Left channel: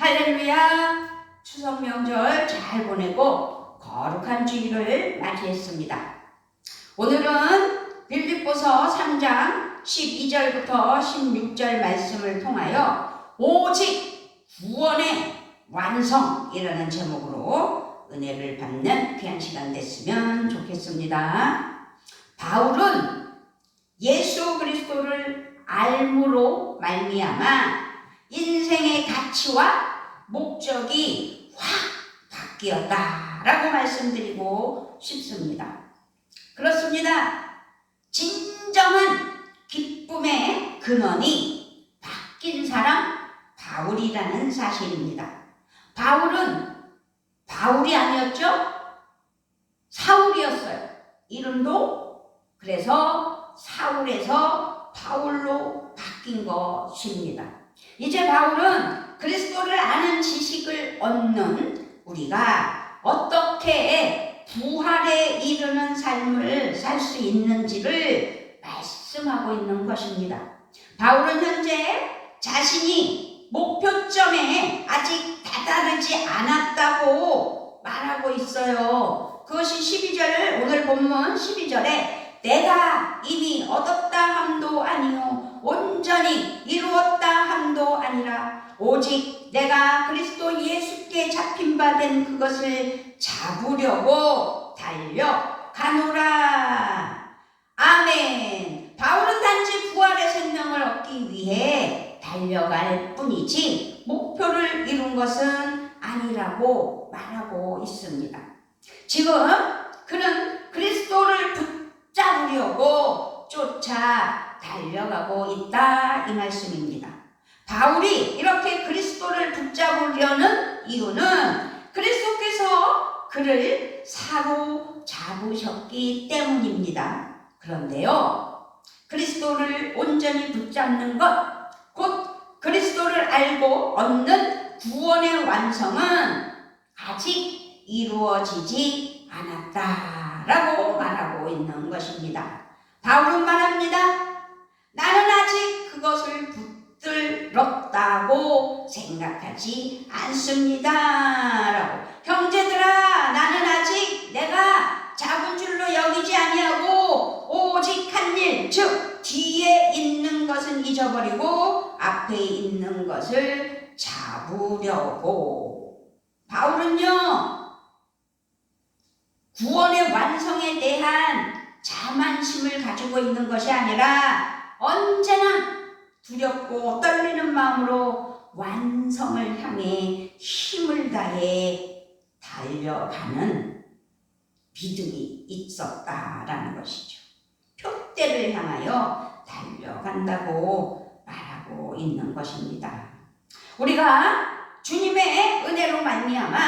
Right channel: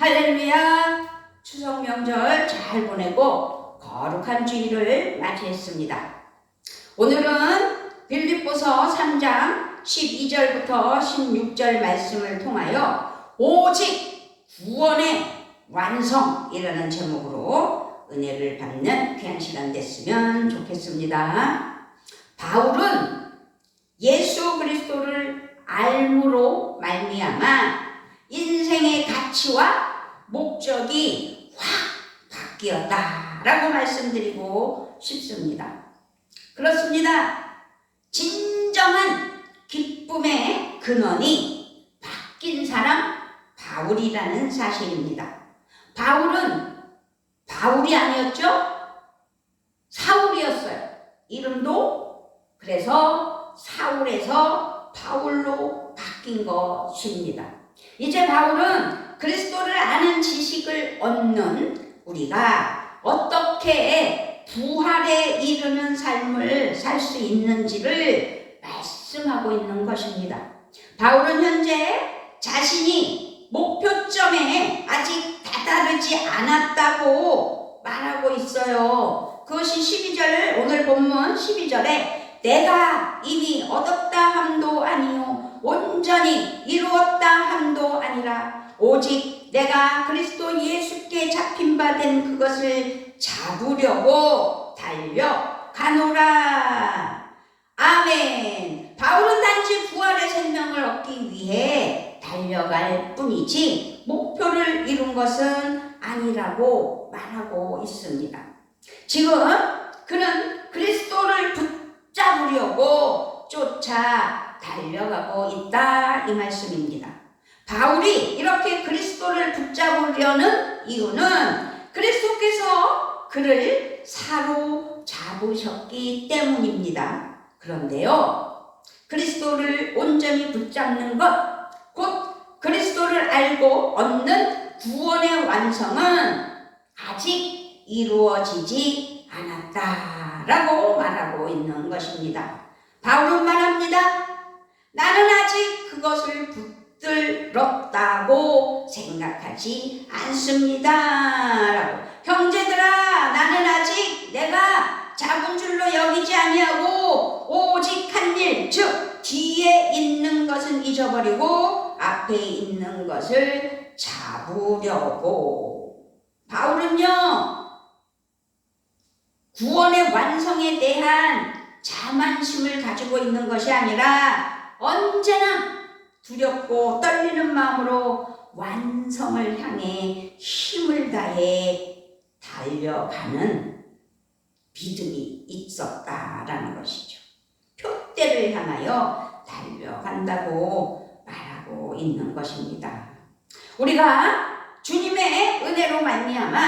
할렐루야! 추석 명절 잘 보내고 거룩한 주일을 맞이했습니다. 오늘은 빌립보서 3장 12절부터 16절 말씀을 통하여 오직 구원의 완성이라는 제목으로 은혜를 받는 귀한 시간 됐으면 좋겠습니다. 바울은 예수 그리스도를 알므로 말미암아 인생의 가치와 목적이 확 바뀌었다라고 말씀드리고 싶습니다. 그렇습니다. 진정한 기쁨의 근원이 바뀐 사람 바울이라는 사실입니다. 바울은 바울이 아니었죠? 사울이었어요. 이름도 그래서 사울에서 바울로 바뀐 것입니다. 이제 바울은 그리스도를 아는 지식을 얻는 우리가 어떻게 부활에 이르는 삶을 살 수 있는지를 말씀하고 있는 것입니다. 바울은 현재 자신이 목표점에 아직 다다르지 않았다고 말하고 있어요. 그것이 12절, 오늘 본문 12절에 내가 이미 얻었다 함도 아니요 온전히 이루었다 함도 아니라 오직 내가 그리스도 예수께 잡힌 바 된 그것을 잡으려고 달려가노라. 아멘. 바울은 단지 부활의 생명을 얻기 위해 달려갈 뿐이지 목표를 이룬 것은 아니라고 말하고 있습니다. 지금 그는 그리스도를 붙잡으려고 쫓아 달려가고 있다 이 말씀입니다. 바울이 이렇게 그리스도를 붙잡으려는 이유는 그리스도께서 그를 사로잡으셨기 때문입니다. 그런데요, 그리스도를 온전히 붙잡는 것, 곧 그리스도를 알고 얻는 구원의 완성은 아직 이루어지지 않았다라고 말하고 있는 것입니다. 바울은 말합니다. 나는 아직 그것을 붙들었다고 생각하지 않습니다. 라고. 형제들아, 나는 아직 내가 잡은 줄로 여기지 아니하고 오직 한 일, 즉 뒤에 있는 것은 잊어버리고 앞에 있는 것을 잡으려고. 바울은요, 구원의 완성에 대한 자만심을 가지고 있는 것이 아니라 언제나 두렵고 떨리는 마음으로 완성을 향해 힘을 다해 달려가는 믿음이 있었다라는 것이죠. 표대를 향하여 달려간다고 말하고 있는 것입니다. 우리가 주님의 은혜로 말미암아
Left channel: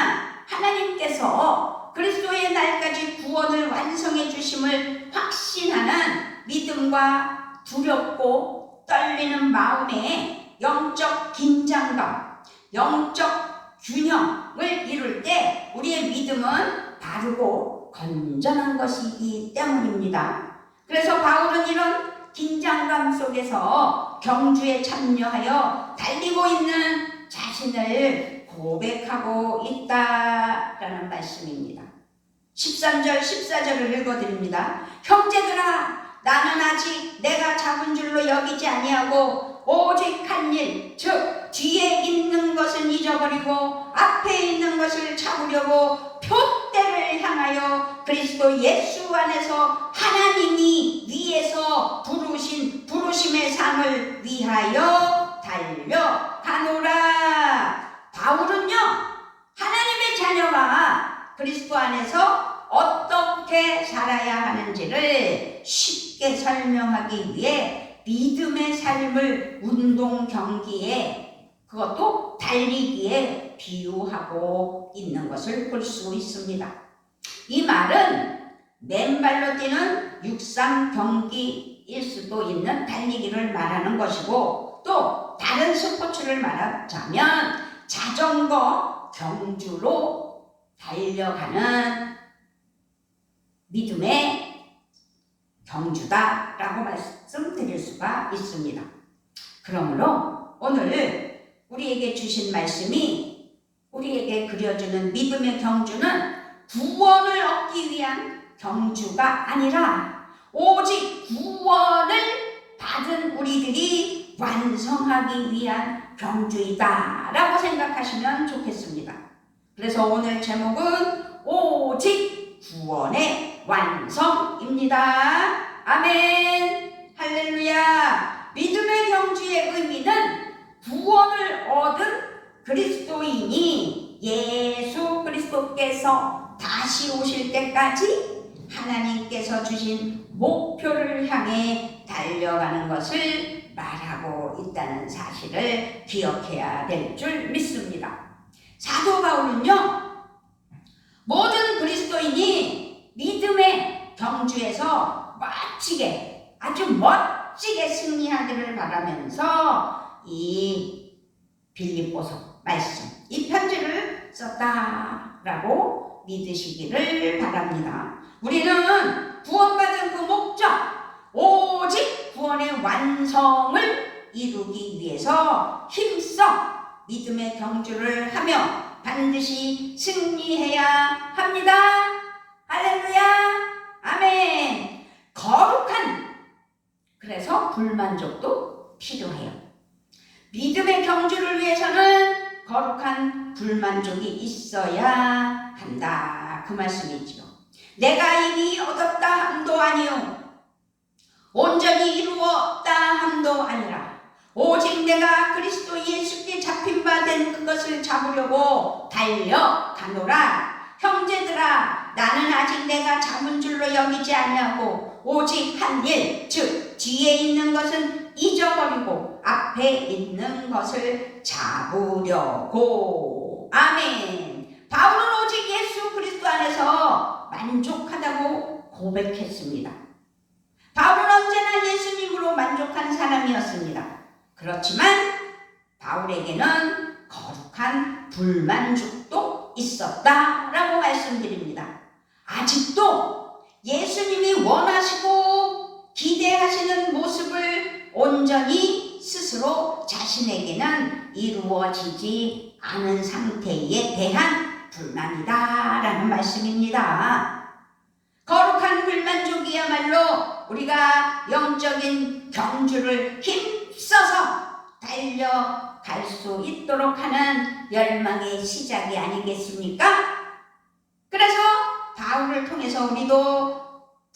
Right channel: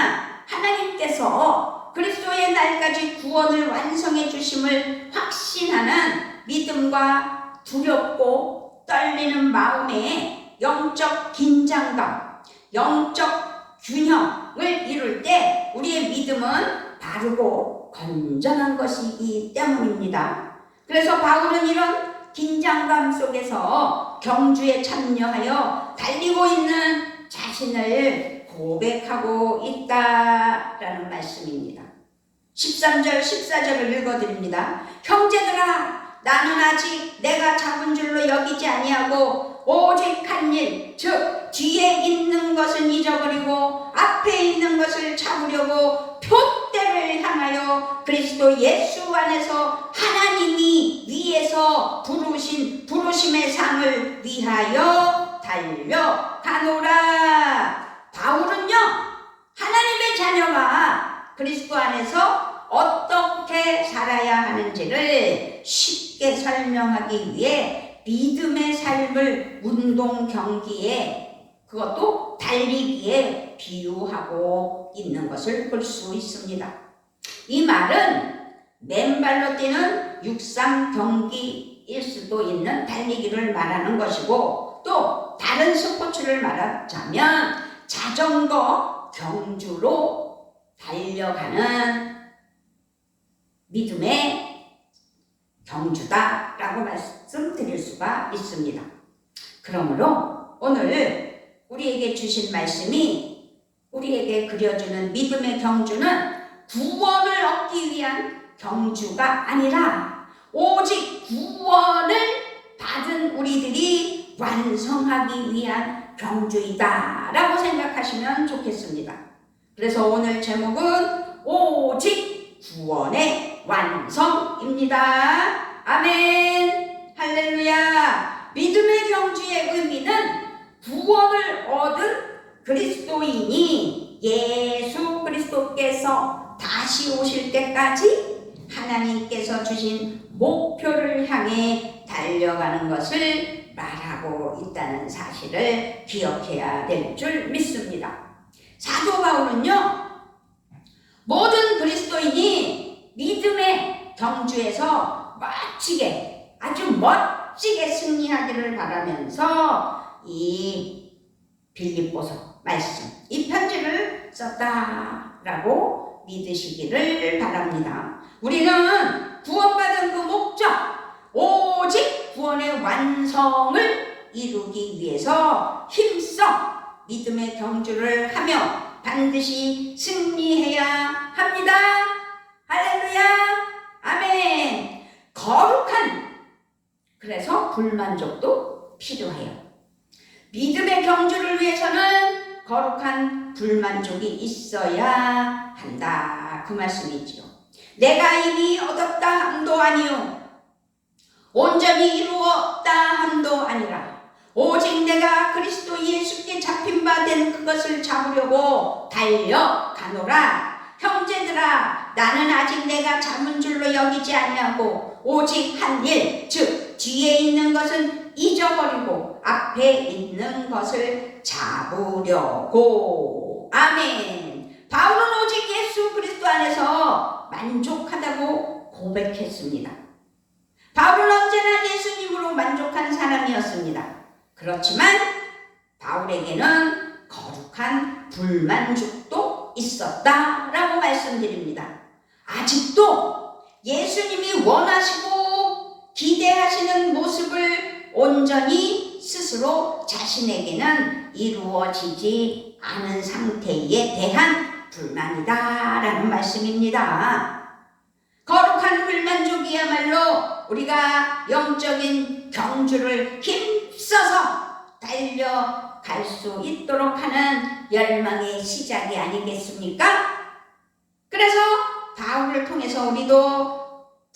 하나님께서 그리스도의 날까지 구원을 완성해 주심을 확신하는 믿음과 두렵고 떨리는 마음의 영적 긴장감, 영적 균형을 이룰 때 우리의 믿음은 바르고 건전한 것이기 때문입니다. 그래서 바울은 이런 긴장감 속에서 경주에 참여하여 달리고 있는 자신을 고백하고 있다라는 말씀입니다. 13절, 14절을 읽어드립니다. 형제들아, 나는 아직 내가 잡은 줄로 여기지 아니하고 오직 한 일, 즉 뒤에 있는 것은 잊어버리고 앞에 있는 것을 잡으려고 표대를 향하여 그리스도 예수 안에서 하나님이 위에서 부르신 부르심의 상을 위하여 달려가노라. 바울은요, 하나님의 자녀가 그리스도 안에서 어떻게 살아야 하는지를 쉽게 설명하기 위해 믿음의 삶을 운동 경기에, 그것도 달리기에 비유하고 있는 것을 볼 수 있습니다. 이 말은 맨발로 뛰는 육상 경기일 수도 있는 달리기를 말하는 것이고, 또 다른 스포츠를 말하자면 자전거 경주로 달려가는 믿음의 경주다라고 말씀드릴 수가 있습니다. 그러므로 오늘 우리에게 주신 말씀이 우리에게 그려주는 믿음의 경주는 구원을 얻기 위한 경주가 아니라 오직 구원을 받은 우리들이 완성하기 위한 경주이다 라고 생각하시면 좋겠습니다. 그래서 오늘 제목은 오직 구원의 완성입니다. 아멘. 할렐루야. 믿음의 경주의 의미는 구원을 얻은 그리스도인이 예수 그리스도께서 다시 오실 때까지 하나님께서 주신 목표를 향해 달려가는 것을 말하고 있다는 사실을 기억해야 될 줄 믿습니다. 사도 바울은요, 모든 그리스도인이 믿음의 경주에서 멋지게, 아주 멋지게 승리하기를 바라면서 이 빌립보서 말씀, 이 편지를 썼다라고 믿으시기를 바랍니다. 우리는 구원받은 그 목적, 오직 구원의 완성을 이루기 위해서 힘써 믿음의 경주를 하며 반드시 승리해야 합니다. 할렐루야. 아멘. 거룩한, 그래서 불만족도 필요해요. 믿음의 경주를 위해서는 거룩한 불만족이 있어야 한다. 그 말씀이지요. 내가 이미 얻었다 함도 아니요 온전히 이루었다 함도 아니라 오직 내가 그리스도 예수께 잡힌 바 된 그것을 잡으려고 달려가노라. 형제들아, 나는 아직 내가 잡은 줄로 여기지 아니하고 오직 한 일, 즉 뒤에 있는 것은 잊어버리고 앞에 있는 것을 잡으려고. 아멘. 바울은 오직 예수 그리스도 안에서 만족하다고 고백했습니다. 바울은 언제나 예수님으로 만족한 사람이었습니다. 그렇지만 바울에게는 거룩한 불만족도 있었다라고 말씀드립니다. 아직도 예수님이 원하시고 기대하시는 모습을 온전히 스스로 자신에게는 이루어지지 않은 상태에 대한 불만이다라는 말씀입니다. 거룩한 불만족이야말로 우리가 영적인 경주를 힘써서 달려갈 수 있도록 하는 열망의 시작이 아니겠습니까? 그래서 바울을 통해서 우리도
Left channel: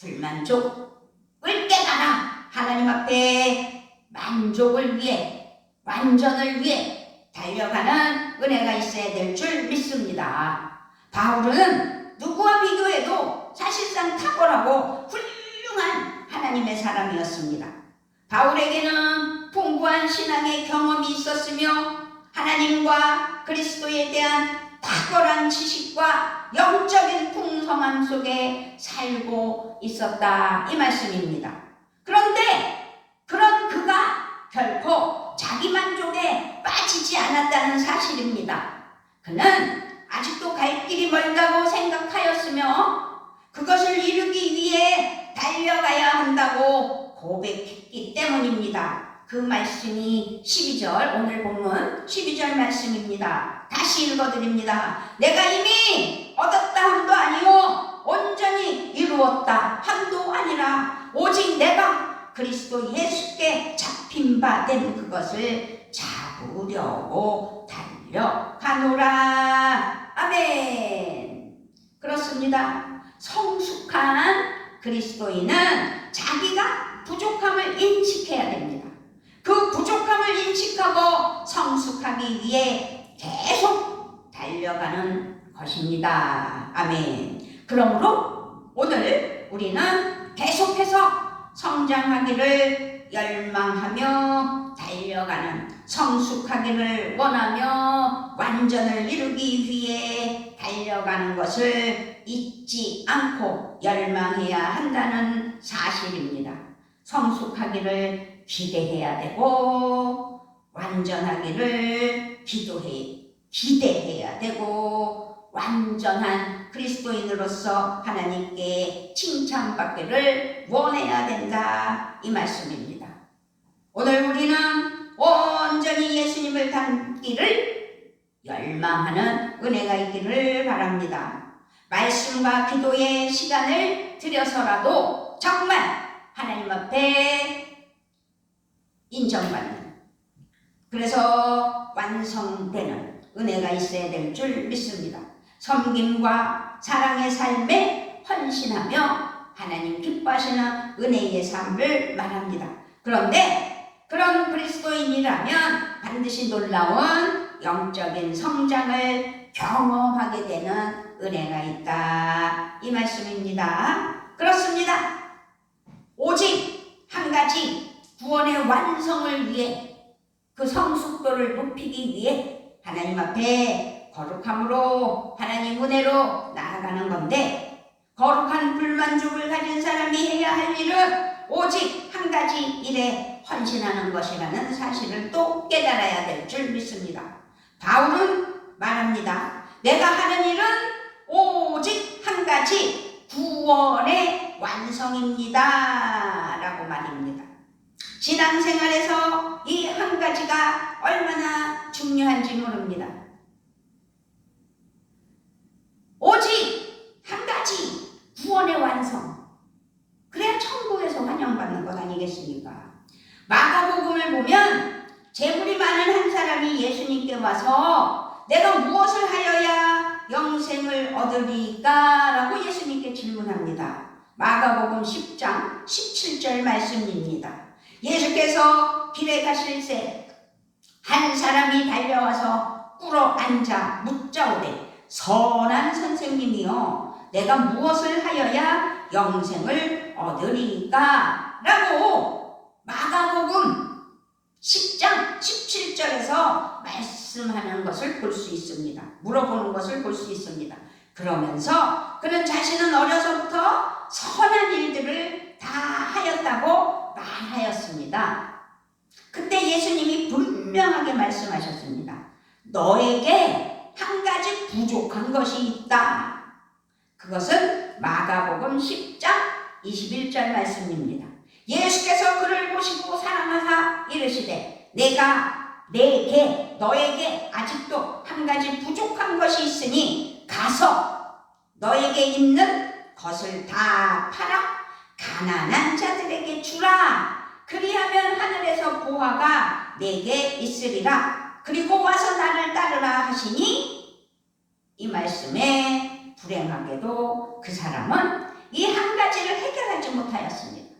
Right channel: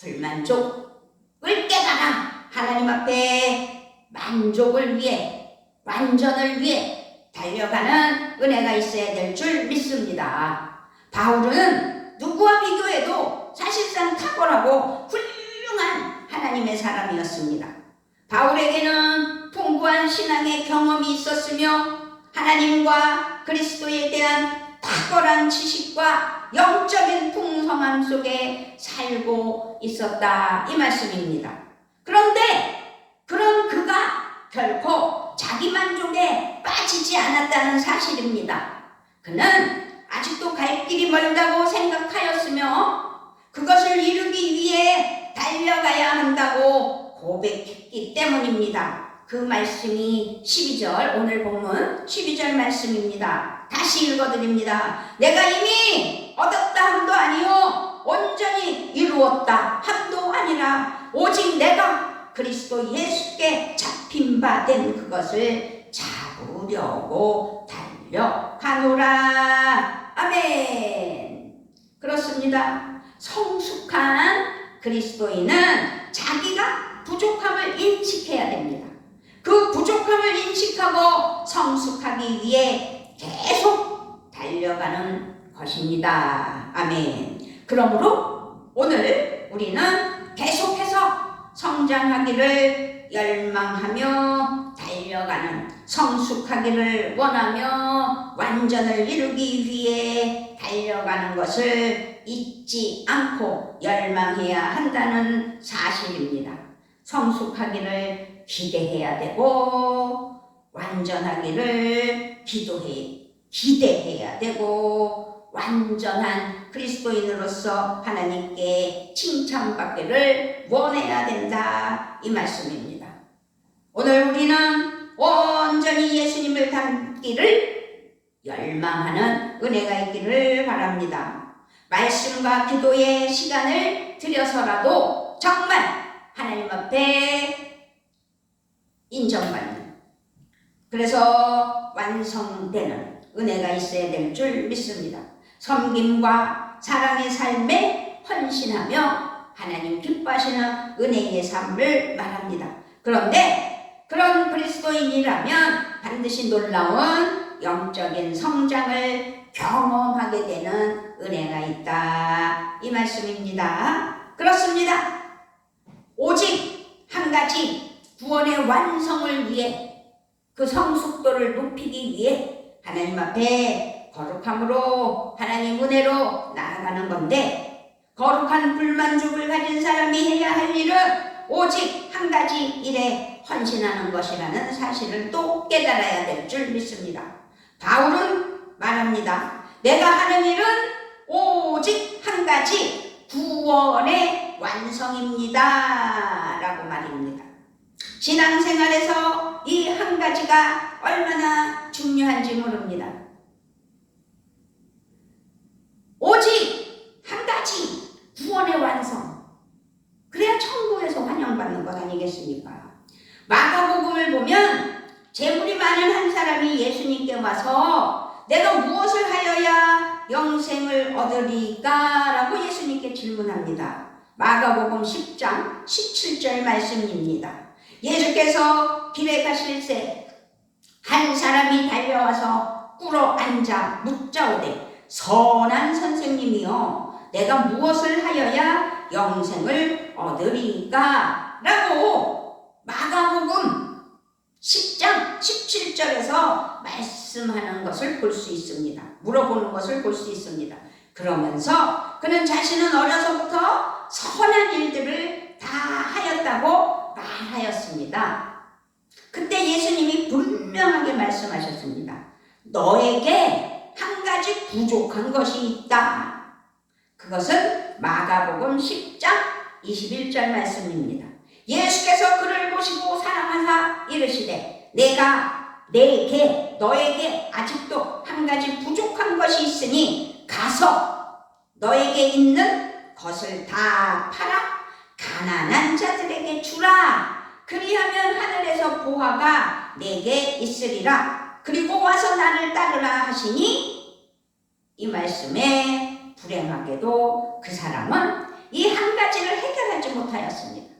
불만족을 깨달아 하나님 앞에 만족을 위해, 완전을 위해 달려가는 은혜가 있어야 될 줄 믿습니다. 바울은 누구와 비교해도 사실상 탁월하고 훌륭한 하나님의 사람이었습니다. 바울에게는 풍부한 신앙의 경험이 있었으며 하나님과 그리스도에 대한 탁월한 지식과 영적인 풍성함 속에 살고 있었다, 이 말씀입니다. 그런데 그런 그가 결코 자기 만족에 빠지지 않았다는 사실입니다. 그는 아직도 갈 길이 멀다고 생각하였으며 그것을 이루기 위해 달려가야 한다고 고백했기 때문입니다. 그 말씀이 12절, 오늘 본문 12절 말씀입니다. 다시 읽어드립니다. 내가 이미 얻었다 함도 아니요 온전히 이루었다 함도 아니라 오직 내가 그리스도 예수께 잡힌 바 된 그것을 잡으려고 달려가노라. 아멘. 그렇습니다. 성숙한 그리스도인은 자기가 부족함을 인식해야 됩니다. 그 부족함을 인식하고 성숙하기 위해 계속 달려가는 것입니다. 아멘. 그러므로 오늘 우리는 계속해서 성장하기를 열망하며 달려가는, 성숙하기를 원하며 완전을 이루기 위해 달려가는 것을 잊지 않고 열망해야 한다는 사실입니다. 성숙하기를 기대해야 되고 완전하기를 기대해야 되고 완전한 그리스도인으로서 하나님께 칭찬받기를 원해야 된다, 이 말씀입니다. 오늘 우리는 온전히 예수님을 닮기를 열망하는 은혜가 있기를 바랍니다. 말씀과 기도의 시간을 들여서라도 정말 하나님 앞에 인정받는, 그래서 완성되는 은혜가 있어야 될 줄 믿습니다. 섬김과 사랑의 삶에 헌신하며 하나님 기뻐하시는 은혜의 삶을 말합니다. 그런데 그런 그리스도인이라면 반드시 놀라운 영적인 성장을 경험하게 되는 은혜가 있다, 이 말씀입니다. 그렇습니다. 오직 한 가지, 구원의 완성을 위해, 그 성숙도를 높이기 위해 하나님 앞에 거룩함으로 하나님 은혜로 나아가는 건데, 거룩한 불만족을 가진 사람이 해야 할 일은 오직 한 가지 일에 헌신하는 것이라는 사실을 또 깨달아야 될 줄 믿습니다. 바울은 말합니다. 내가 하는 일은 오직 한 가지, 구원의 완성입니다 라고 말입니다. 신앙생활에서 이 한 가지가 얼마나 중요한지 모릅니다. 오직 한 가지, 구원의 완성. 그래야 천국에서 환영받는 것 아니겠습니까? 마가복음을 보면 재물이 많은 한 사람이 예수님께 와서 내가 무엇을 하여야 영생을 얻으리까? 라고 예수님께 질문합니다. 마가복음 10장 17절 말씀입니다. 예수께서 길에 가실 새 한 사람이 달려와서 꿇어 앉아 묻자오되, 선한 선생님이여, 내가 무엇을 하여야 영생을 얻으리까? 라고 마가복음 10장 17절에서 말씀하는 것을 볼 수 있습니다. 물어보는 것을 볼 수 있습니다. 그러면서 그는 자신은 어려서부터 선한 일들을 다 하였다고 말하였습니다. 그때 예수님이 분명하게 말씀하셨습니다. 너에게 한 가지 부족한 것이 있다. 그것은 마가복음 10장 21절 말씀입니다. 예수께서 그를 보시고 사랑하사 이르시되, 내가 너에게 아직도 한 가지 부족한 것이 있으니 가서 너에게 있는 것을 다 팔아 가난한 자들에게 주라. 그리하면 하늘에서 보화가 내게 있으리라. 그리고 와서 나를 따르라 하시니, 이 말씀에 불행하게도 그 사람은 이 한 가지를 해결하지 못하였습니다.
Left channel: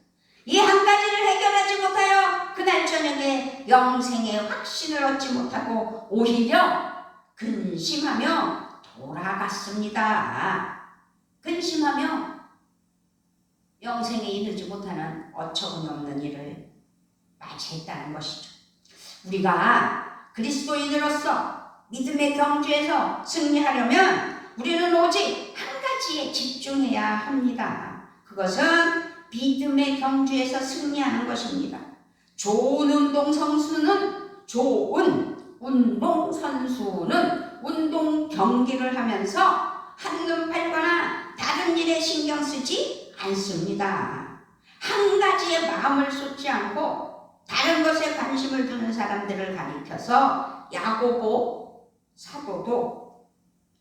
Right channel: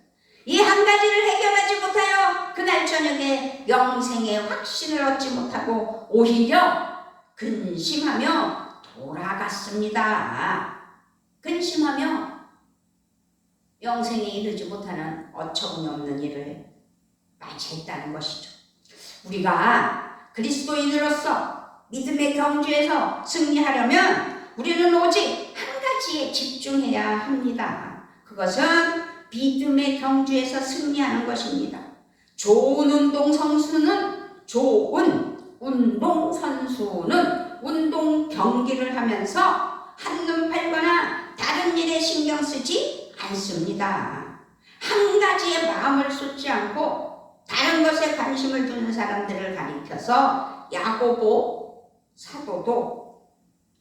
이 한 가지를 해결하지 못하여 그날 저녁에 영생의 확신을 얻지 못하고 오히려 근심하며 돌아갔습니다. 근심하며 영생에 이르지 못하는 어처구니없는 일을 맞이했다는 것이죠. 우리가 그리스도인으로서 믿음의 경주에서 승리하려면 우리는 오직 한 가지에 집중해야 합니다. 그것은 믿음의 경주에서 승리하는 것입니다. 좋은 운동선수는 운동 경기를 하면서 한눈 팔거나 다른 일에 신경 쓰지 않습니다. 한 가지에 마음을 쏟지 않고 다른 것에 관심을 두는 사람들을 가리켜서 야고보 사도도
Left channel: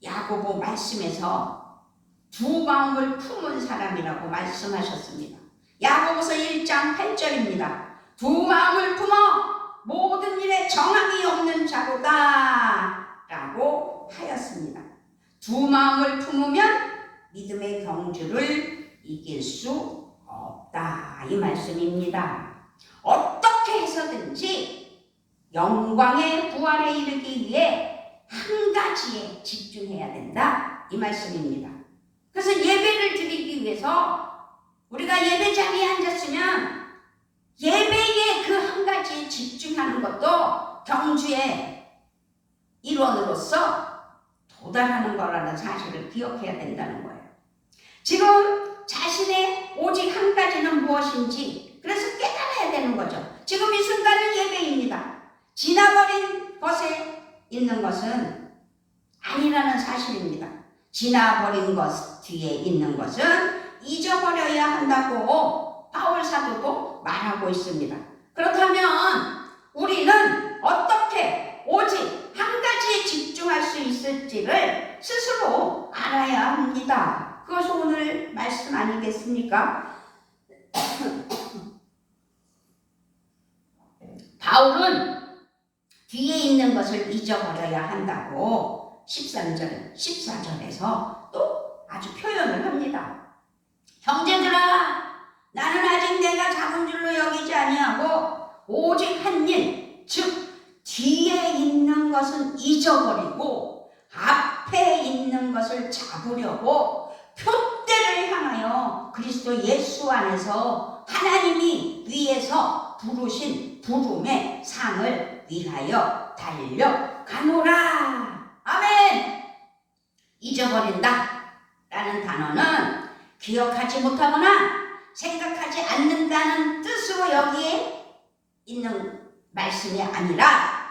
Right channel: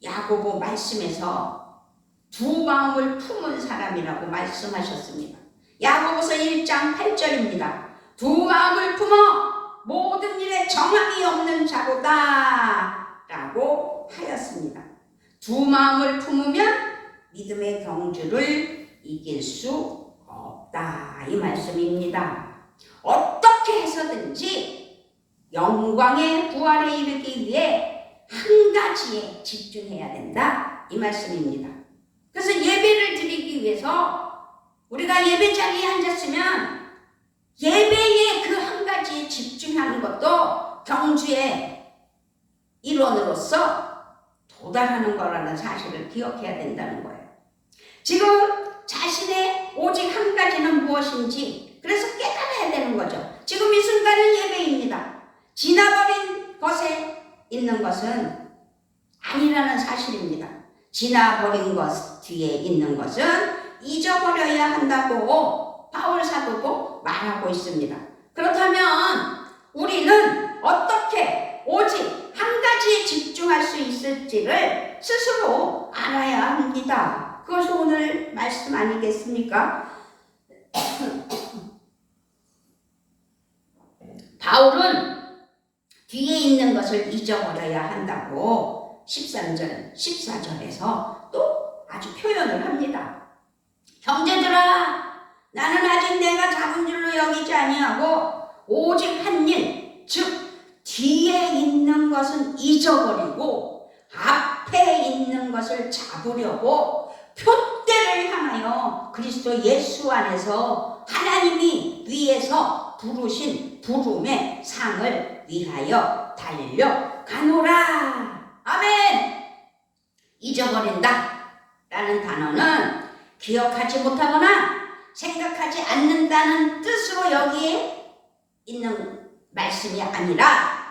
야고보 말씀에서 두 마음을 품은 사람이라고 말씀하셨습니다. 야고보서 1장 8절입니다. 두 마음을 품어 모든 일에 정함이 없는 자로다 라고 하였습니다. 두 마음을 품으면 믿음의 경주를 이길 수 없다, 이 말씀입니다. 어떻게 해서든지 영광의 부활에 이르기 위해 한 가지에 집중해야 된다, 이 말씀입니다. 그래서 예배를 드리기 위해서 우리가 예배 자리에 앉았으면 예배의 그 한 가지에 집중하는 것도 경주의 일원으로서 도달하는 거라는 사실을 기억해야 된다는 거예요. 지금 자신의 오직 한 가지는 무엇인지 그래서 깨달아야 되는 거죠. 지금 이 순간은 예배입니다. 지나버린 것에 있는 것은 아니라는 사실입니다. 지나버린 것 뒤에 있는 것은 잊어버려야 한다고 바울 사도도 말하고 있습니다. 그렇다면 우리는 어떻게 오직 한 가지에 집중할 수 있을지를 스스로 알아야 합니다. 그것이 오늘 말씀 아니겠습니까? 바울은 뒤에 있는 것을 잊어버려야 한다고 13절, 14절에서 또 아주 표현을 합니다. 형제들아, 나는 아직 내가 작은 줄로 여기지 아니하고 오직 한 일, 즉 뒤에 있는 것은 잊어버리고 앞에 있는 것을 잡으려고 표대를 향하여 그리스도 예수 안에서 하나님이 위에서 부르신 부름의 상을 위하여 달려가노라. 아멘. 잊어버린다 라는 단어는 기억하지 못하거나 생각하지 않는다는 뜻으로 여기에 있는 말씀이 아니라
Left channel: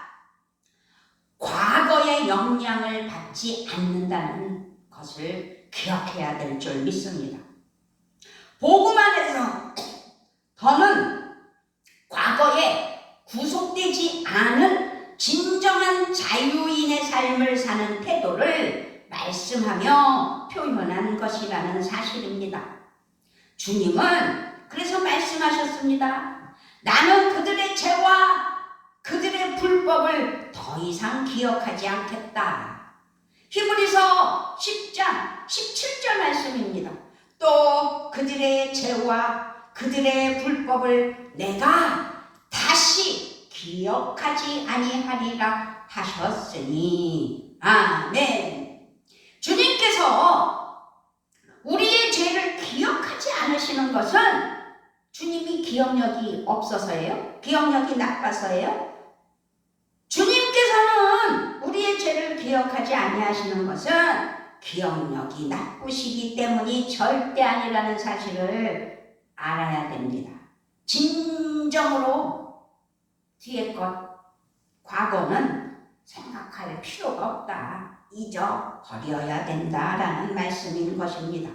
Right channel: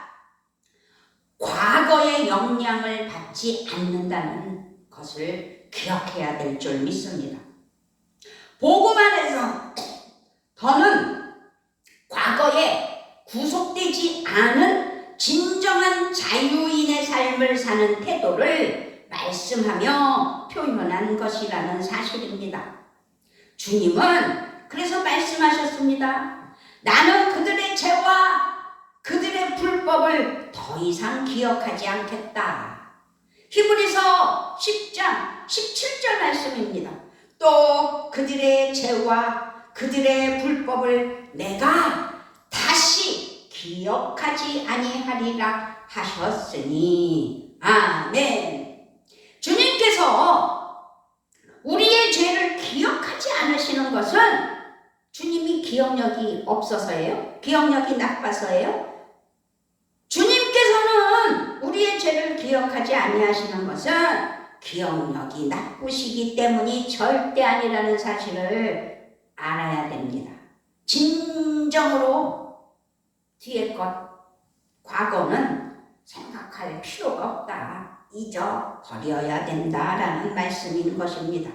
과거의 영향을 받지 않는다는 것을 기억해야 될 줄 믿습니다. 복음 안에서 더는 과거에 구속되지 않은 진정한 자유인의 삶을 사는 태도를 말씀하며 표현한 것이라는 사실입니다. 주님은 그래서 말씀하셨습니다. 나는 그들의 죄와 그들의 불법을 더 이상 기억하지 않겠다. 히브리서 10장 17절 말씀입니다. 또 그들의 죄와 그들의 불법을 내가 다시 기억하지 아니하리라 하셨으니. 아멘. 주님께서 우리의 죄를 기억하지 않으시는 것은 주님이 기억력이 없어서예요? 기억력이 나빠서예요? 주님께서는 우리의 죄를 기억하지 아니하시는 것은 기억력이 나쁘시기 때문이 절대 아니라는 사실을 알아야 됩니다. 진정으로 뒤의 것, 과거는 생각할 필요가 없다. 잊어버려야 된다라는 말씀인 것입니다.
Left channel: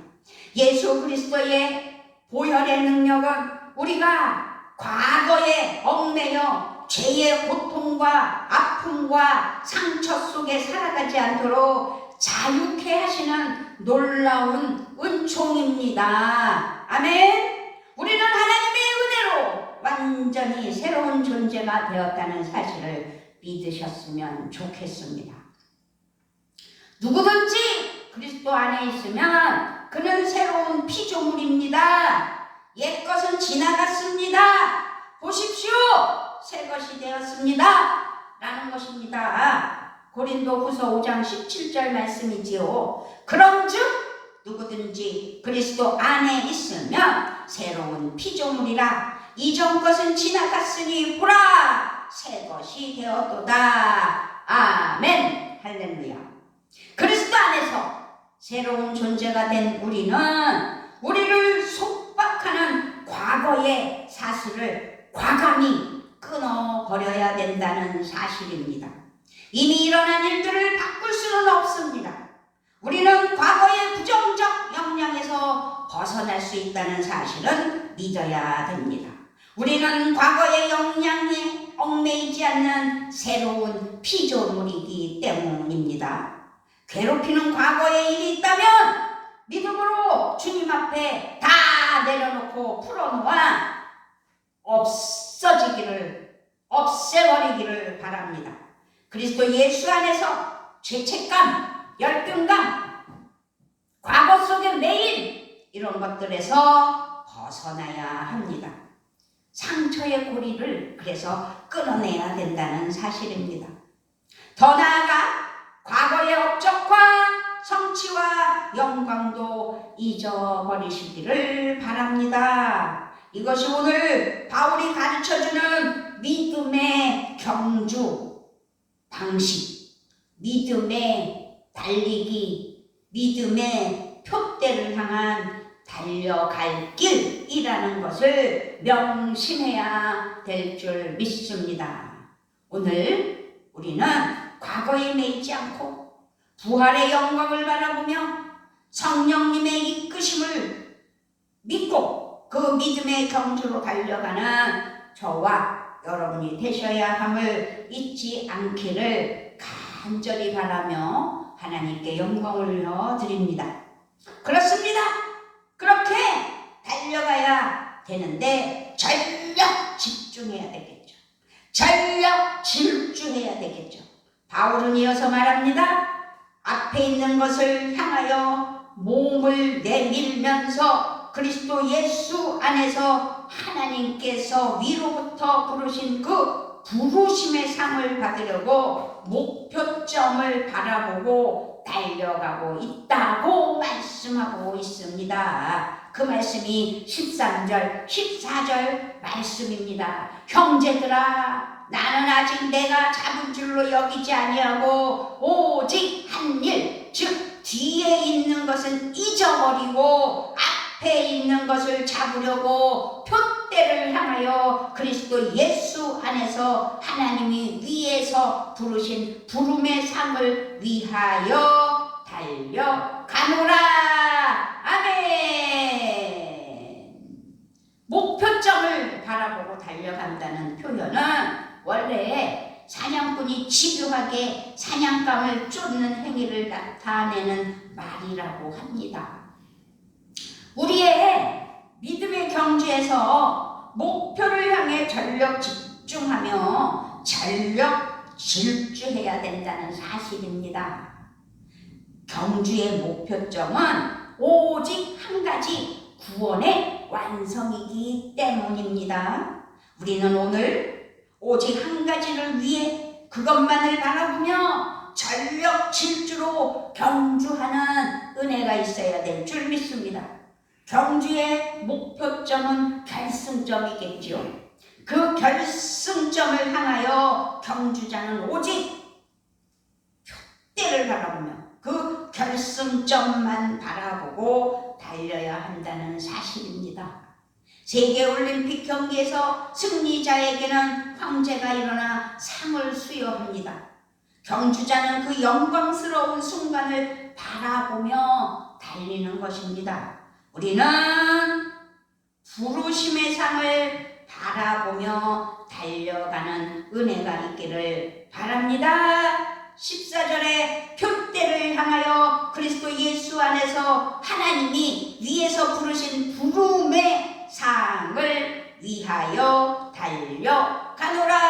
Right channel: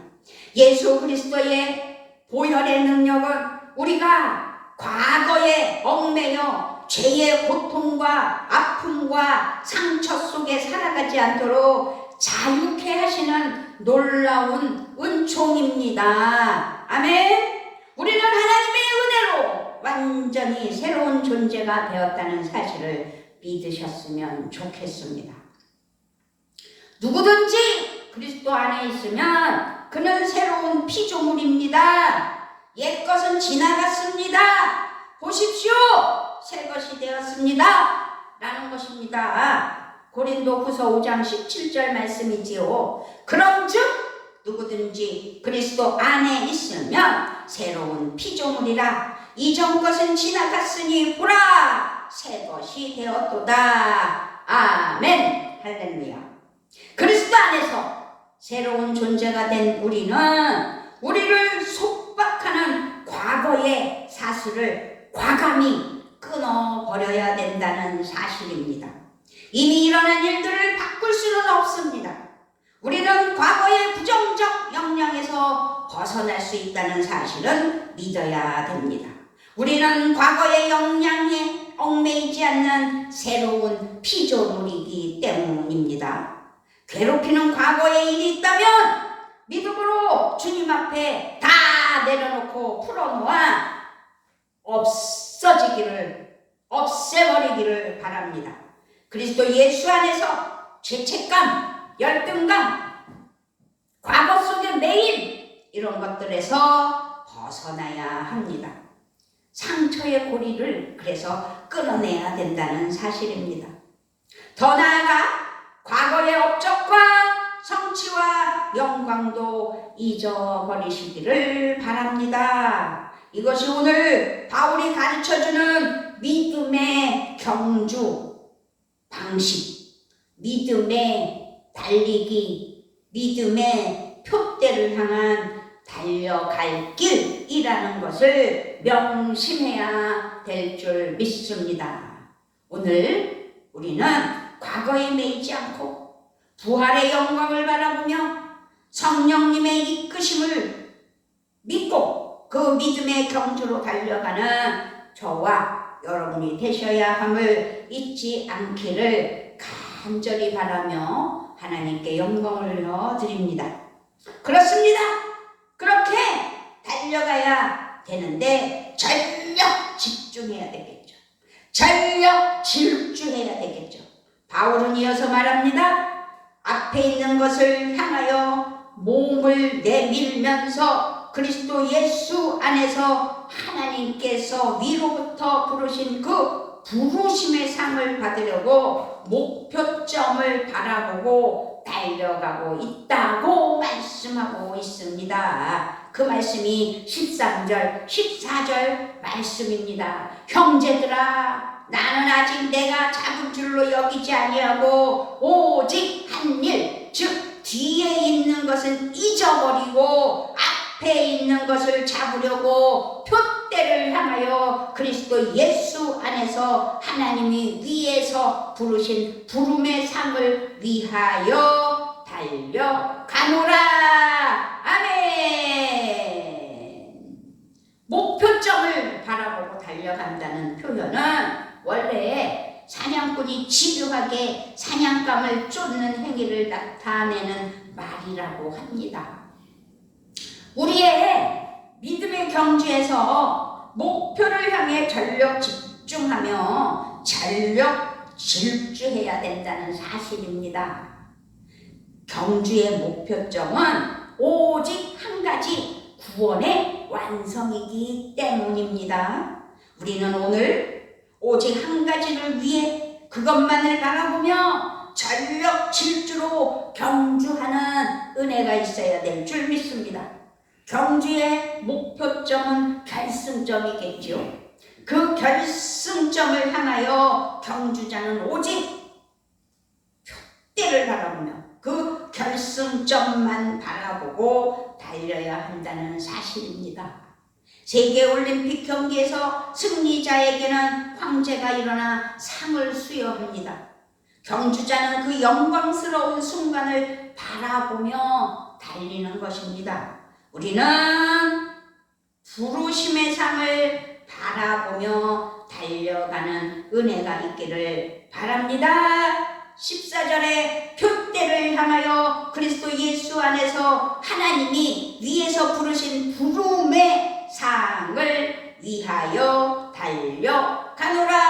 예수 그리스도의 보혈의 능력은 우리가 과거에 얽매여 죄의 고통과 아픔과 상처 속에 살아가지 않도록 자유케 하시는 놀라운 은총입니다. 아멘. 우리는 하나님의 은혜로 완전히 새로운 존재가 되었다는 사실을 믿으셨으면 좋겠습니다. 누구든지 그리스도 안에 있으면 그는 새로운 피조물입니다. 옛것은 지나갔습니다. 보십시오, 새 것이 되었습니다 라는 것입니다. 고린도후서 5장 17절 말씀이지요. 그런즉 누구든지 그리스도 안에 있으면 새로운 피조물이라. 이전 것은 지나갔으니 보라, 새 것이 되었도다. 아멘. 할렐루야. 그리스도 안에서 새로운 존재가 된 우리를 속박하는 과거의 사슬을 과감히 끊어버려야 된다는 사실입니다. 이미 일어난 일들을 바꿀 수는 없습니다. 우리는 과거의 부정적 영향에서 벗어날 수 있다는 사실은 믿어야 됩니다. 우리는 과거의 영향에 얽매이지 않는 새로운 피조물이기 때문입니다. 괴롭히는 과거의 일이 있다면 믿음으로 주님 앞에 다 내려놓고 풀어놓아 없애버리기를 바랍니다. 그리스도 예수 안에서 죄책감, 열등감, 과거 속의 매일 이런 것들에서 벗어나야 합니다. 상처의 고리를 그래서 끊어내야 된다는 사실입니다. 더 나아가 과거의 업적과 성취와 영광도 잊어버리시기를 바랍니다. 이것이 오늘 바울이 가르쳐주는 믿음의 경주 방식, 믿음의 달리기, 믿음의 표대를 향한 달려갈 길이라는 것을 명심해야 될 줄 믿습니다. 오늘 우리는 과거에 매이지 않고 부활의 영광을 바라보며 성령님의 이끄심을 믿고 그 믿음의 경주로 달려가는 저와 여러분이 되셔야 함을 잊지 않기를 간절히 바라며 하나님께 영광을 드립니다. 그렇습니다. 그렇게 달려가야 되는데 전력 집중해야 되겠죠. 전력 질주해야 되겠죠. 바울은 이어서 말합니다. 앞에 있는 것을 향하여 몸을 내밀면서 그리스도 예수 안에서 하나님께서 위로부터 부르신 그 부르심의 상을 받으려고 목표점을 바라보고 달려가고 있다고 말씀하고 있습니다. 그 말씀이 13절, 14절 말씀입니다. 형제들아, 나는 아직 내가 잡은 줄로 여기지 아니하고 오직 한 일, 즉 뒤에 있는 것은 잊어버리고 앞에 있는 것을 잡으려고 표대를 향하여 그리스도 예수 안에서 하나님이 위에서 부르신 부름의 상을 위하여 달려가노라. 아멘. 목표점을 바라보고 달려간다는 표현은 원래 사냥꾼이 집요하게 사냥감을 쫓는 행위를 나타내는 말이라고 합니다. 우리의 믿음의 경주에서 목표를 향해 전력 집중하며 전력 질주해야 된다는 사실입니다. 경주의 목표점은 오직 한 가지 구원의 완성이기 때문입니다. 우리는 오늘 오직 한 가지를 위해 그것만을 바라보며 전력 질주로 경주하는 은혜가 있어야 될 줄 믿습니다. 경주의 목표점은 결승점이겠죠. 그 결승점을 향하여 경주자는 오직 표대를 바라보며 그 결승점만 바라보고 달려야 한다는 사실입니다. 세계올림픽 경기에서 승리자에게는 황제가 일어나 상을 수여합니다. 경주자는 그 영광스러운 순간을 바라보며 달리는 것입니다. 우리는 부르심의 상을 바라보며 달려가는 은혜가 있기를 바랍니다. 14절에 표대를 향하여 그리스도 예수 안에서 하나님이 위에서 부르신 부름의 상을 위하여 달려가노라.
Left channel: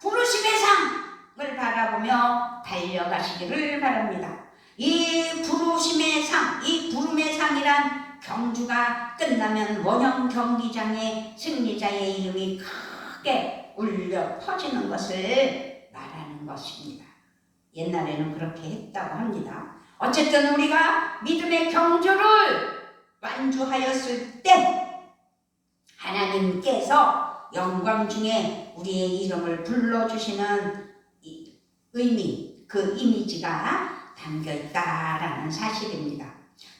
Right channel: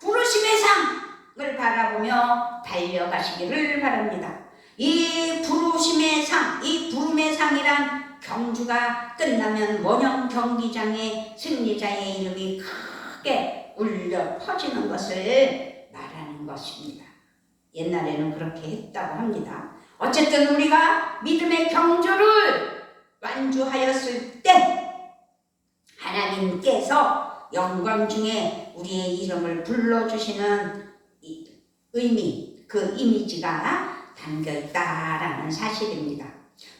부르심의 상을 바라보며 달려가시기를 바랍니다. 이 부르심의 상, 이 부름의 상이란 경주가 끝나면 원형 경기장에 승리자의 이름이 크게 울려 퍼지는 것을 말하는 것입니다. 옛날에는 그렇게 했다고 합니다. 어쨌든 우리가 믿음의 경주를 완주하였을 때 하나님께서 영광 중에 우리의 이름을 불러주시는 의미, 그 이미지가 담겨있다라는 사실입니다.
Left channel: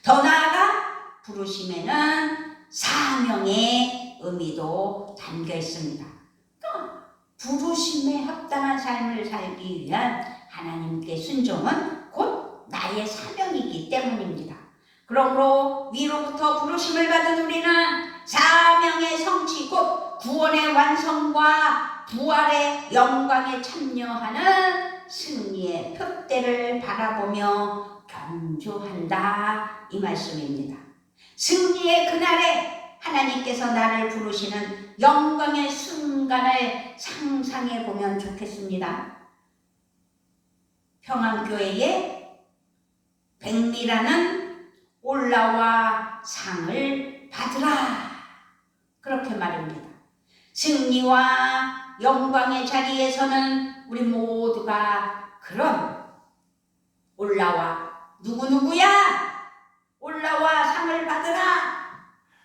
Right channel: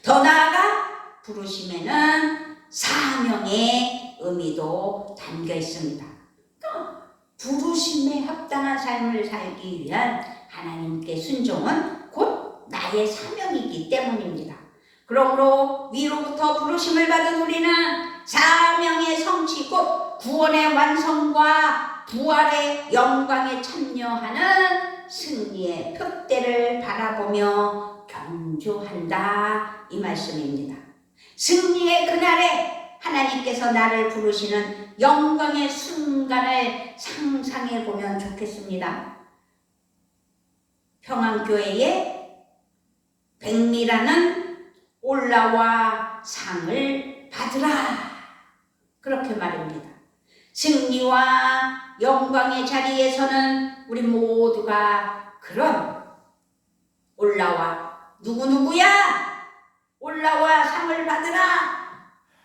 더 나아가 부르심에는 사명의 의미도 담겨있습니다. 부르심에 합당한 삶을 살기 위한 하나님께 순종은 곧 나의 사명이기 때문입니다. 그러므로 위로부터 부르심을 받은 우리는 사명의 성취 곧 구원의 완성과 부활의 영광에 참여하는 승리의 표대를 바라보며 경주한다 이 말씀입니다. 승리의 그날에 하나님께서 나를 부르시는 영광의 순간을 상상해 보면 좋겠습니다. 평안교회에 백미라는 올라와 상을 받으라 그렇게 말입니다. 승리와 영광의 자리에서는 우리 모두가 그런 올라와 누구누구야 올라와 상을 받으라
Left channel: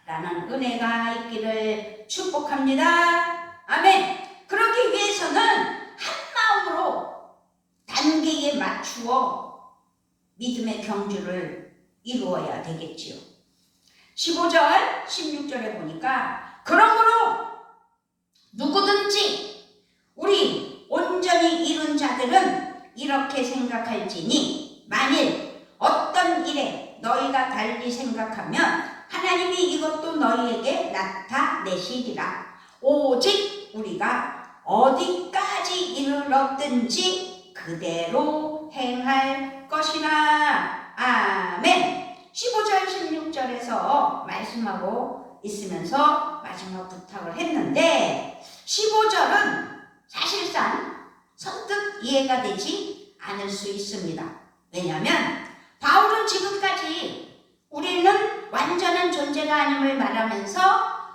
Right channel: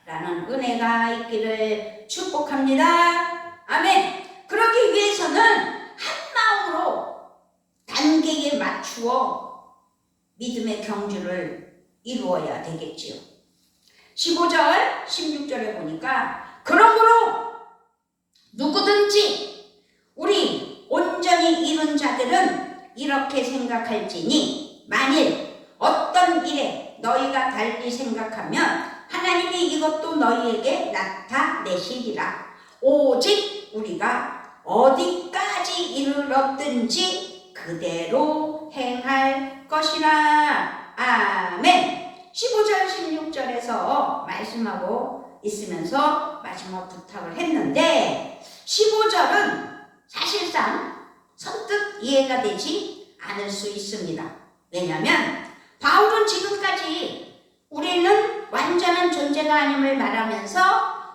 라는 은혜가 있기를 축복합니다. 아멘. 그러기 위해서는 한 마음으로 단계에 맞추어 믿음의 경주를 이루어야 되겠지요. 15절 16절에 보니까 그러므로 누구든지 우리 온전히 이룬 자들은 이렇게 생각할지니 만일 어떤 일에 너희가 달리 생각하면 하나님이 이것도 너희에게 나타내시리라. 오직 우리가 어디까지 이르렀든지 그대로 행할 것이라. 아멘. 15절 16절에서 말씀하고 있으면서 마지막 부탁을 했는데 15절은 사실상 선뜻 이해가 되지 않을 수 있습니다. 왜냐하면 바울은 지금까지 우리는 완전한 존재가 아님을 말하면서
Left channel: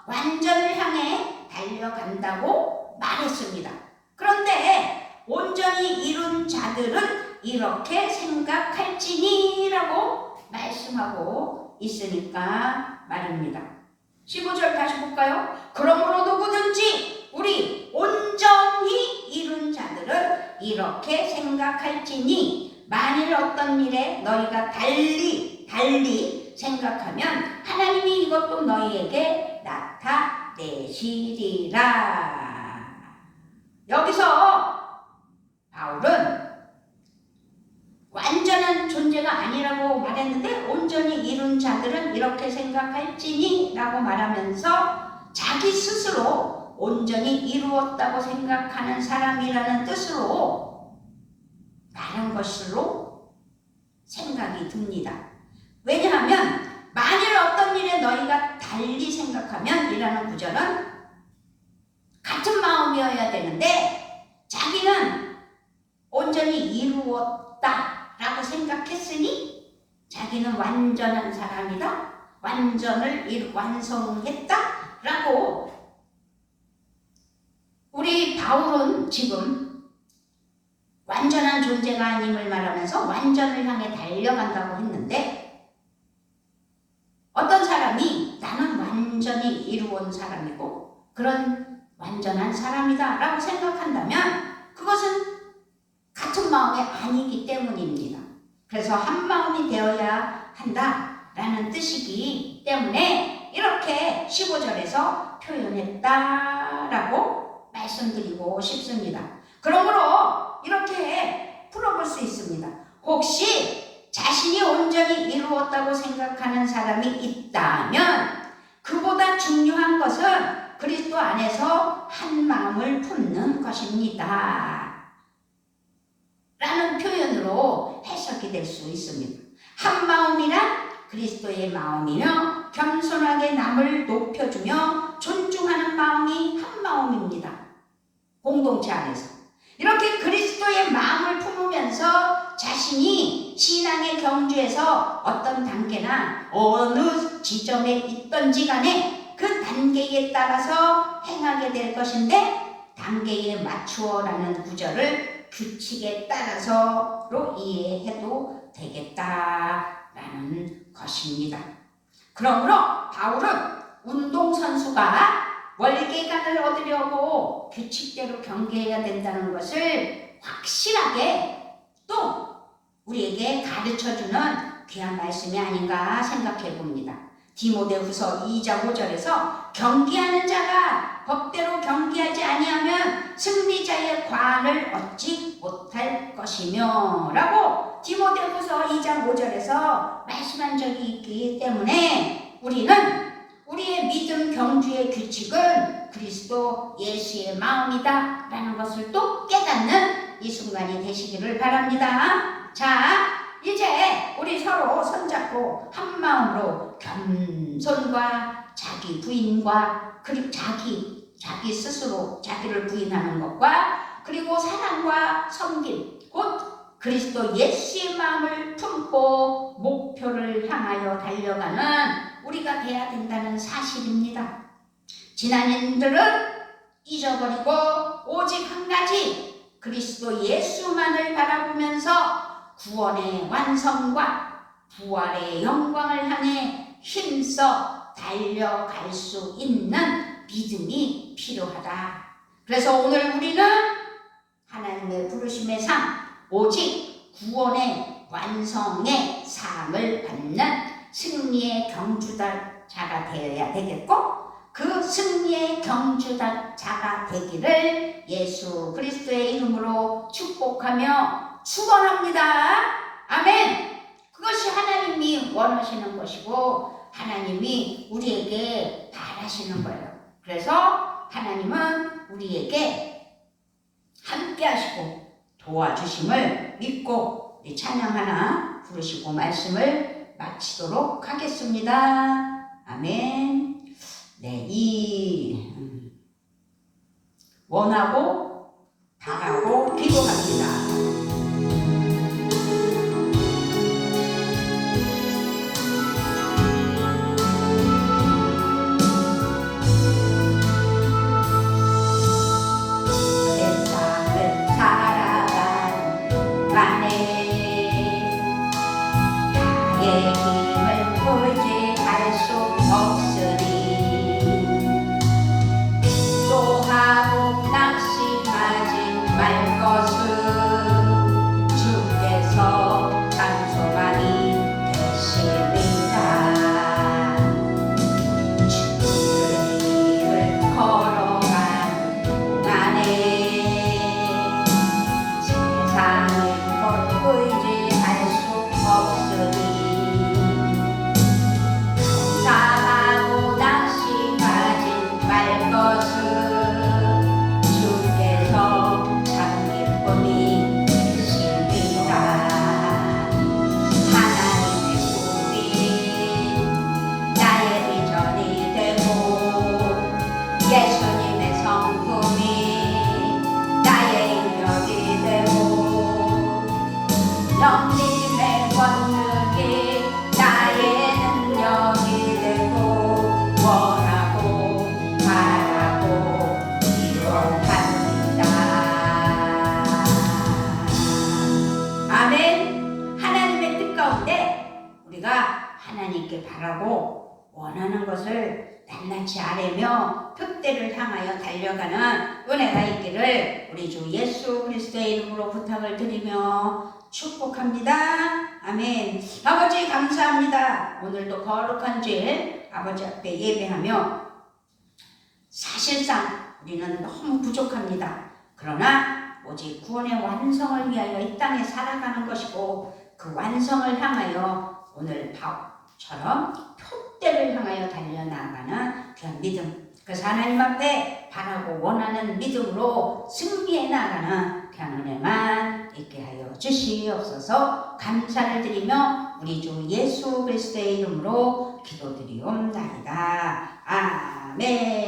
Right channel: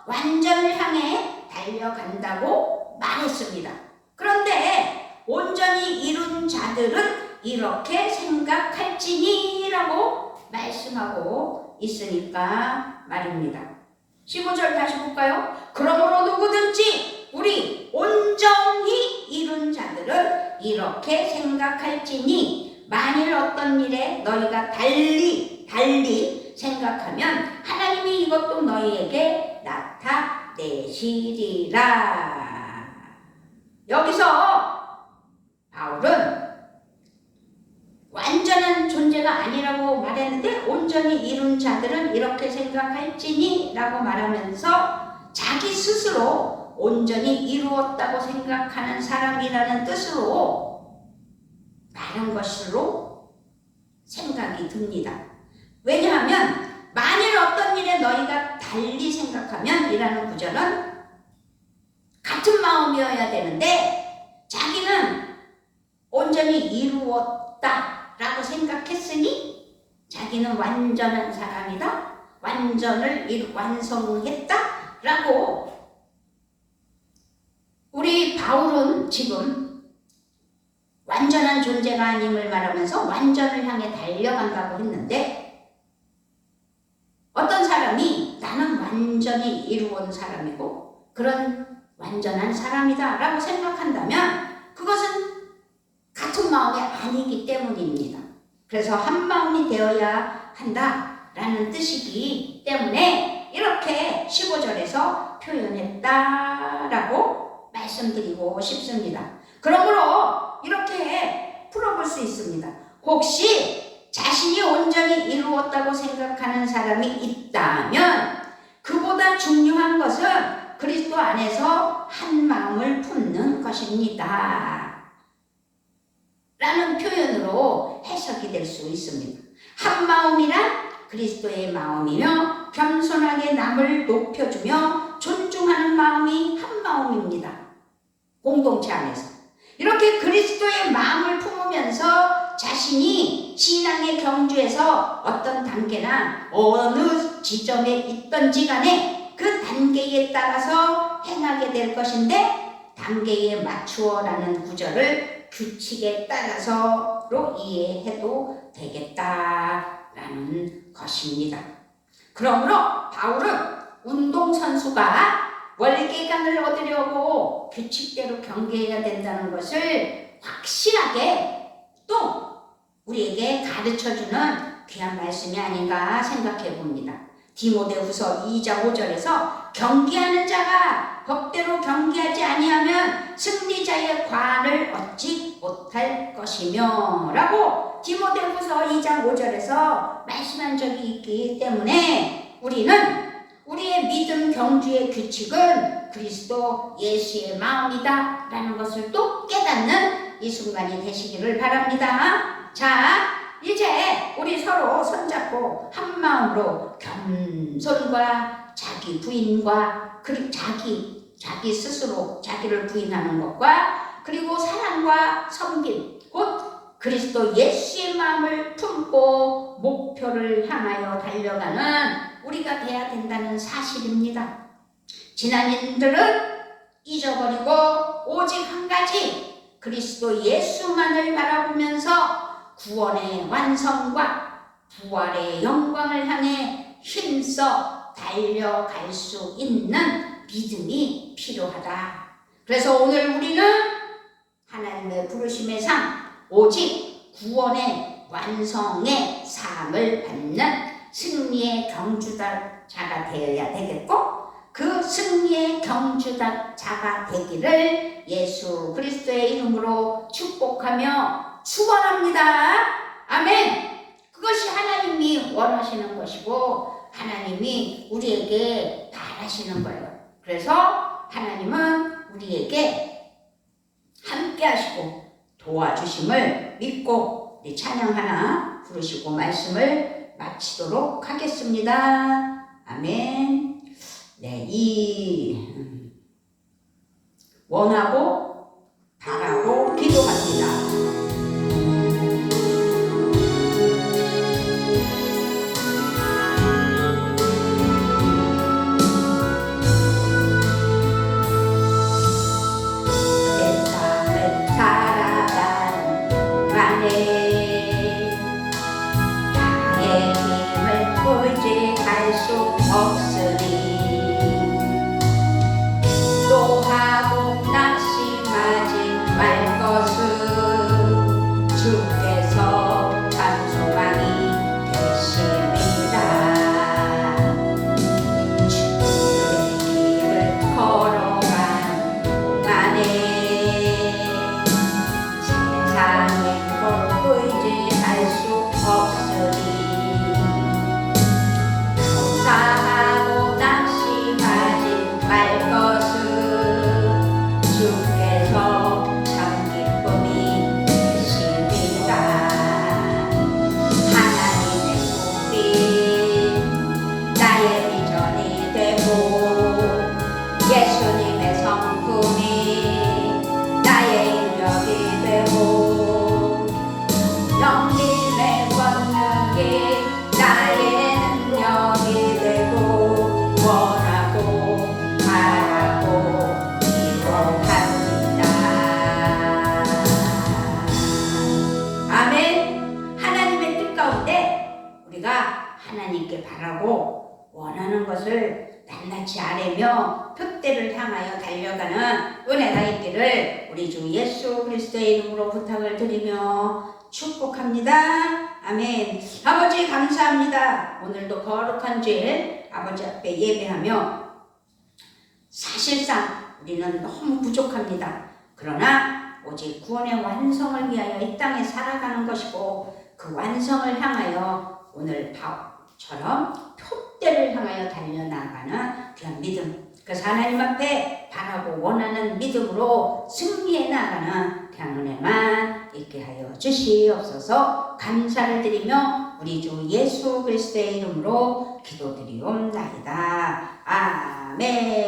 완전을 향해 달려간다고 말했습니다. 그런데 온전히 이룬 자들은 이렇게 생각할지니 라고 말씀하고 있으니까 말입니다. 15절 다시 볼까요? 그러므로 누구든지 우리 온전히 이룬 자들은 이렇게 생각할지니 만일 어떤 일에 너희가 달리 생각하면 하나님이 이것도 너희에게 나타내시리라. 여기서 바울은 완전한 존재가 아니라고 말했는데 온전히 이룬 자들은 이렇게 생각할지니 라고 말하면서 자기 스스로 온전히 이루었다고 생각하는 사람이라는 뜻으로 말한 것으로 생각이 듭니다. 왜냐하면 만일 어떤 일에 너희가 달리 생각하면 이라는 구절은 같은 마음이어야 되는데 자기는 온전히 이루었다 라고 생각했으니 자기는 완전한 사람이다, 완전을 완성했다 라고 우리 바울은 지금 완전한 존재가 아님을 말하면서 완전을 향해 달려간다고 했는데 어떤 사람이 나는 완전히 이루어온 사람이고 그런 완전한 사람이다 라고 생각한다면 그것은 같은 마음이 아니기 때문입니다. 그래서 한 마음이 되어야 한다라는 뜻이기 때문에 이렇게 15절에서 표현했다라고 말씀드리고 싶습니다. 그러므로 이렇게 풀어볼 수 있습니다. 혹시 자신이 온전히 이루었다고 생각하는 사람이 있다면 그보다 중요한 것은 그리스도 안에서 한 마음을 품는 것입니다. 라는 표현으로 해석이 될 수 있습니다. 한 마음이란 그리스도의 마음이며 겸손하게 남을 높여주며 존중하는 마음이 한 마음입니다. 공동체 안에서 이렇게 그리스도의 마음을 품으면서 자신이 신앙의 경주에서 어떤 단계나 어느 지점에 있던지 간에 그 단계에 따라서 행하게 될 것인데 단계에 맞추어라는 구절을 규칙에 따라서로 이해해도 되겠다라는 것입니다. 그러므로 바울은 운동선수가 월계관을 얻으려고 규칙대로 경기해야 된다는 것을 확실하게 또 우리에게 가르쳐주는 귀한 말씀이 아닌가 생각해 봅니다. 디모데후서 2장 5절에서 경기하는 자가 법대로 경기하지 아니하면 승리자의 관을 얻지 못할 것이며 라고 디모데후서 2장 5절에서 말씀한 적이 있기 때문에 우리는 우리의 믿음 경주의 규칙은 그리스도 예수의 마음이다 라는 것을 또 깨닫는 이 순간이 되시기를 바랍니다. 자, 이제 우리 서로 손잡고 한 마음으로 겸손과 자기 부인과 그리고 자기 스스로 자기를 부인하는 것과 그리고 사랑과 섬김 곧 그리스도 예수의 마음을 품고 목표를 향하여 달려가는 우리가 돼야 된다는 사실입니다. 지난인들은 잊어버리고 오직 한 가지 그리스도 예수만을 바라보면서 구원의 완성과 부활의 영광을 향해 힘써 달려갈 수 있는 믿음이 필요하다. 그래서 오늘 우리는 하나님의 부르심의 상 오직 구원의 완성의 삶을 받는 승리의 경주자가 되어야 되겠고 그 승리의 경주자가 되기를 예수 그리스도의 이름으로 축복하며 축원합니다. 아멘. 그것이 하나님이 원하시는 것이고 하나님이 우리에게 바라시는 거예요. 그래서 하나님은 우리에게 함께 하시고 도와주심을 믿고 우리 찬양 하나 부르시고 말씀을 마치도록 하겠습니다. 아멘. 네, 이 원하고 바라고 기도합니다. 나의 힘을 고지할 수 없으니 기도하고 낙심하지 말 것은 주께서 장소만이 되십니다. 주의 길을 걸어간 동안에 세상을 의지할 수 없으니 감사하고 낙심하지 말 것은 주께서 참 기쁨이 되십니다. 하나님의 꿈이 나의 비전이 되고 예수님의 성품이 나의 인격이 되고 영림의 권능이 나의 능력이 되고 원하고 바라고 기도합니다. 아멘. 하나님의 뜻 가운데 우리가 하나님께 바라고 원하는 것을 낱낱이 아뢰며 표대를 향하여 달려가는 은혜가 있기를 우리 주 예수 그리스도의 이름으로 부탁을 드리며 축복합니다. 아멘. 아버지 감사합니다. 오늘도 거룩한 주일 아버지 앞에 예배하며 사실상 우리는 너무 부족합니다. 그러나 오직 구원의 완성을 위하여 이 땅에 살아가는 것이고 그 완성을 향하여 오늘 바울처럼 표대를 향하여 달려나가는 그런 믿음, 그래서 하나님 앞에 바라고 원하는 믿음으로 승리해 나가는 그런 은혜만 있게 하여 주시옵소서. 감사를 드리며 우리 주 예수 그리스도의 이름으로 기도드리옵나이다. 아멘.